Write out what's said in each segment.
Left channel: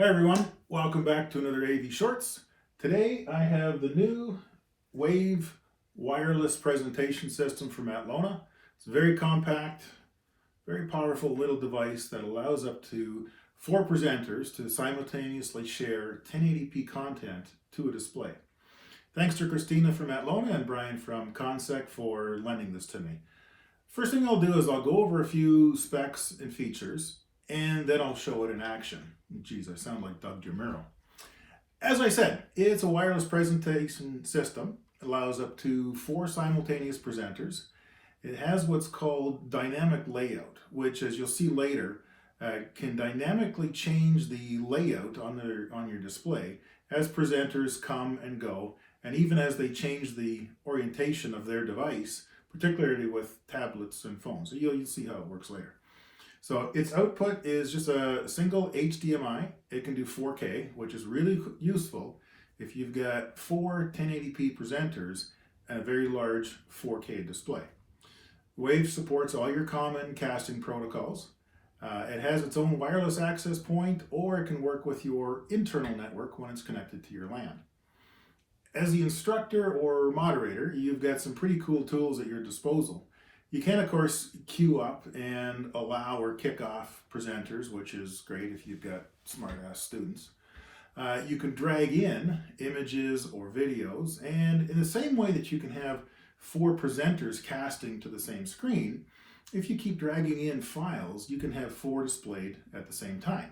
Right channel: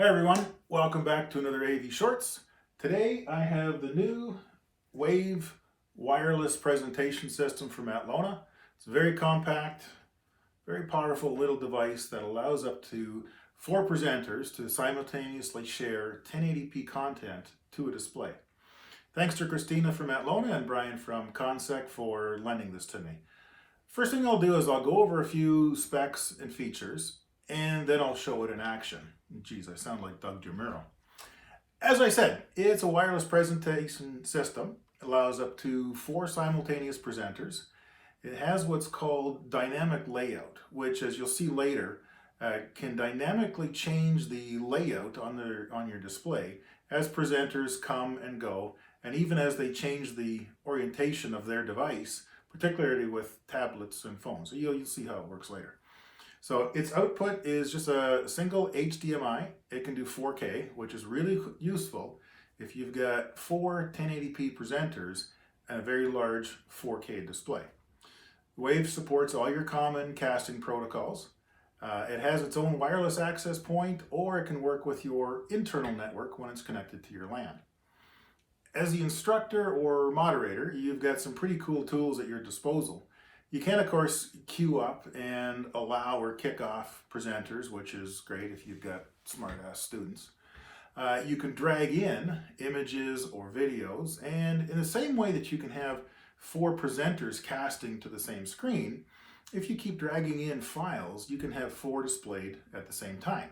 Hi everyone, welcome back to another AV Shorts. Today I have the new Wave wireless presentation system from Atlona. It's very compact, very powerful little device that allows up to 4 presenters to simultaneously share 1080p content to a display. Thanks to Christina from Atlona and Brian from Consec for lending this to me. First thing I'll do is I'll go over a few specs and features, and then I'll show it in action. Geez, I sound like Doug DeMuro. As I said, it's a wireless presentation system. It allows up to 4 simultaneous presenters. It has what's called dynamic layout, which, as you'll see later, can dynamically change the layout on your display as presenters come and go, and even as they change the orientation of their device, particularly with tablets and phones. So you'll see how it works later. So its output is just a single HDMI. It can do 4K, which is really useful if you've got 4 1080p presenters and a very large 4K display. Wave supports all your common casting protocols. It has its own wireless access point, or it can work with your internal network when it's connected to your LAN. As the instructor or moderator, you've got some pretty cool tools at your disposal. You can, of course, queue up and allow or kick off presenters, which is great if you've got smart-ass students. You can drag in images or videos, and in the same way that you can have 4 presenters casting to the same screen, if you keep dragging in files, you can have 4 displayed at the same time.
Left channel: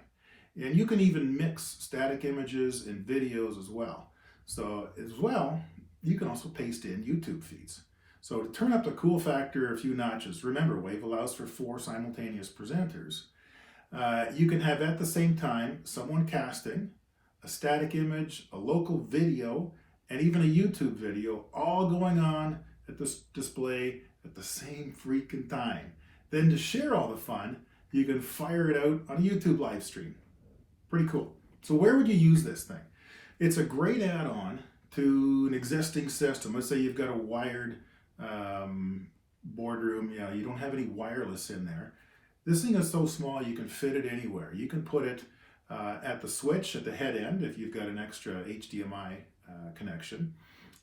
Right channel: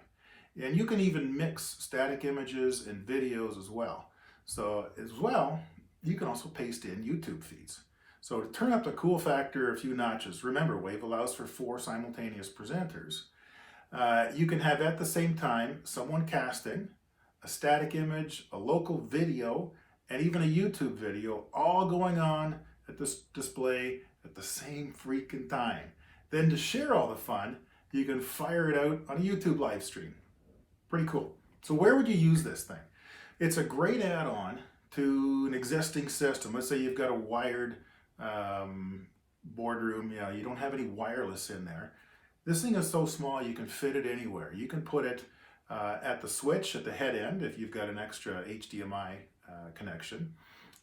And you can even mix static images and videos as well. So as well, you can also paste in YouTube feeds. So to turn up the cool factor a few notches, remember Wave allows for 4 simultaneous presenters. You can have at the same time someone casting, a static image, a local video, and even a YouTube video all going on at this display at the same freaking time. Then to share all the fun, you can fire it out on a YouTube live stream. Pretty cool. So where would you use this thing? It's a great add-on to an existing system. Let's say you've got a wired boardroom, you don't have any wireless in there. This thing is so small you can fit it anywhere. You can put it at the switch at the head end if you've got an extra HDMI connection.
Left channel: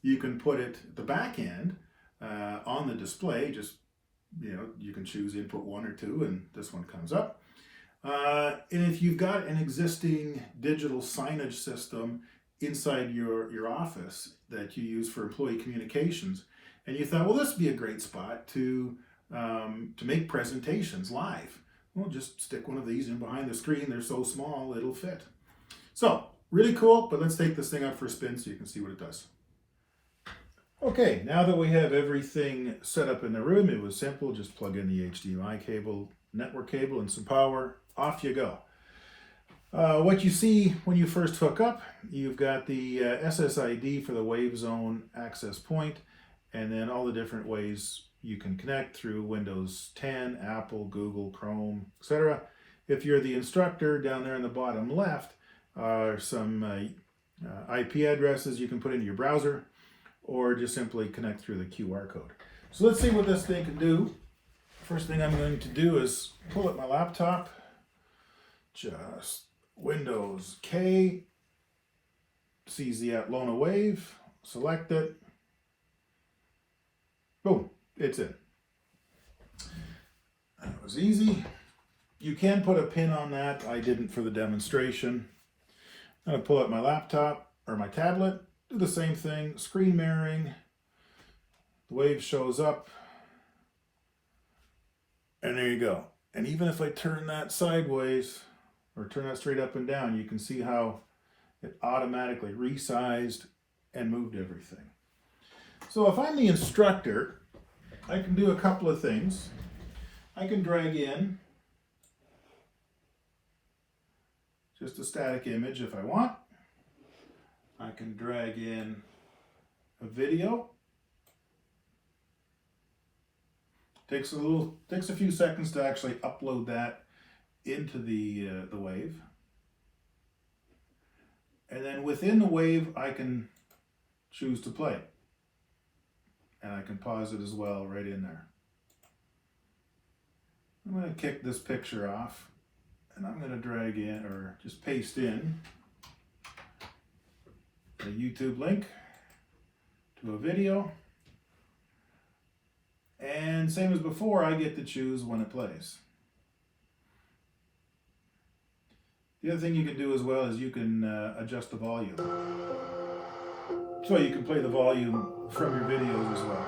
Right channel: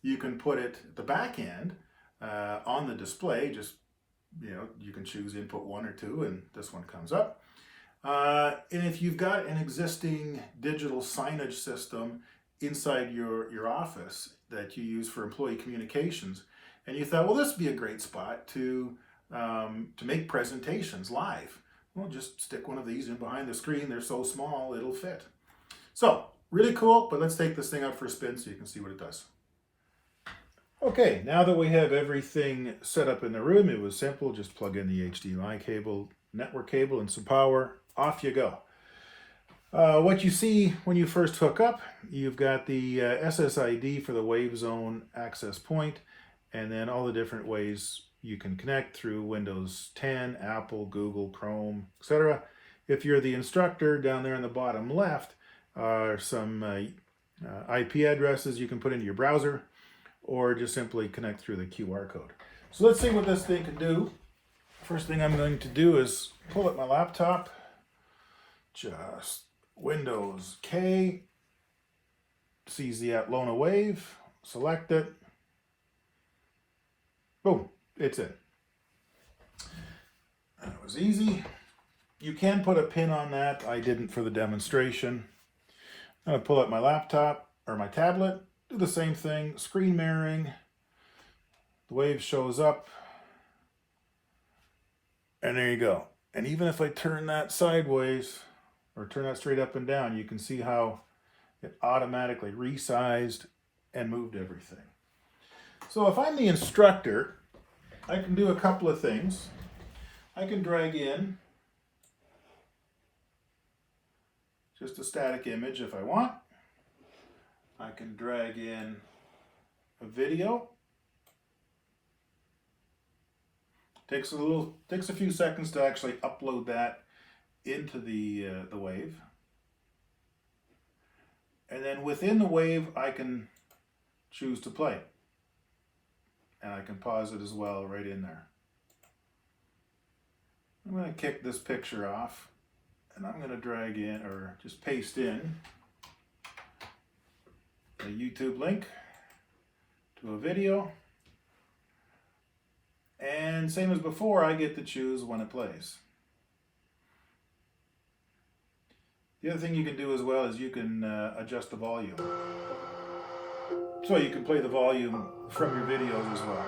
You can put it at the back end on the display. Just you can choose input 1 or 2, and this one comes up. And if you've got an existing digital signage system inside your office that you use for employee communications, and you thought, well, this would be a great spot to make presentations live. Well, just stick one of these in behind the screen. They're so small, it'll fit. So, really cool, but let's take this thing out for a spin so you can see what it does. Okay, now that we have everything set up in the room, it was simple. Just plug in the HDMI cable, network cable, and some power. Off you go. What you see when you first hook up, you've got the SSID for the Wave Zone access point, and then all the different ways you can connect through Windows 10, Apple, Google, Chrome, etc. If you're the instructor, down there on the bottom left are some IP addresses you can put into your browser, or just simply connect through the QR code. So let's see what this thing can do. First thing I'm going to do is pull up my laptop, just Windows K, sees the Atlona Wave, select it, boom, it's it. That was easy. You can put a pin on that. I didn't for the demonstration. I'm going to pull up my laptop or my tablet, do the same thing, screen mirroring. The Wave shows up, and there you go. And even if I turn that sideways or turn that straight up and down, you can see how it automatically resized and moved everything. So if I'm the instructor, I can do a couple of things. I can drag in just a static image if I want. I can drag in a video. Takes a few seconds to actually upload that into the Wave. And then within the Wave, I can choose to play. And I can pause it as well right in there. I'm going to kick this picture off And I'm going to drag in, or just paste in, a YouTube link to a video. And same as before, I get to choose when it plays. The other thing you can do as well is you can adjust the volume. So you can play the volume from your videos as well.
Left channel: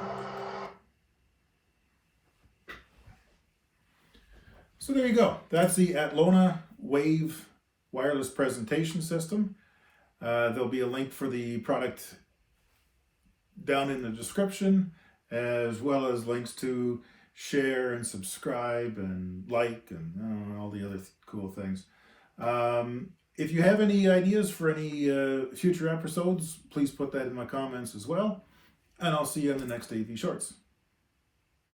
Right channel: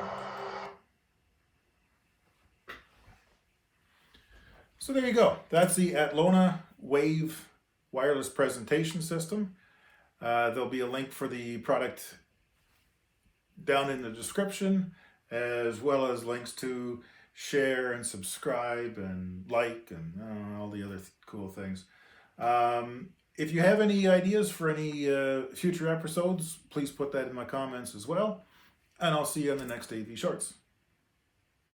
So there you go. That's the Atlona Wave wireless presentation system. There'll be a link for the product down in the description, as well as links to share and subscribe and like and all the other cool things. If you have any ideas for any future episodes, please put that in my comments as well. And I'll see you on the next AV Shorts.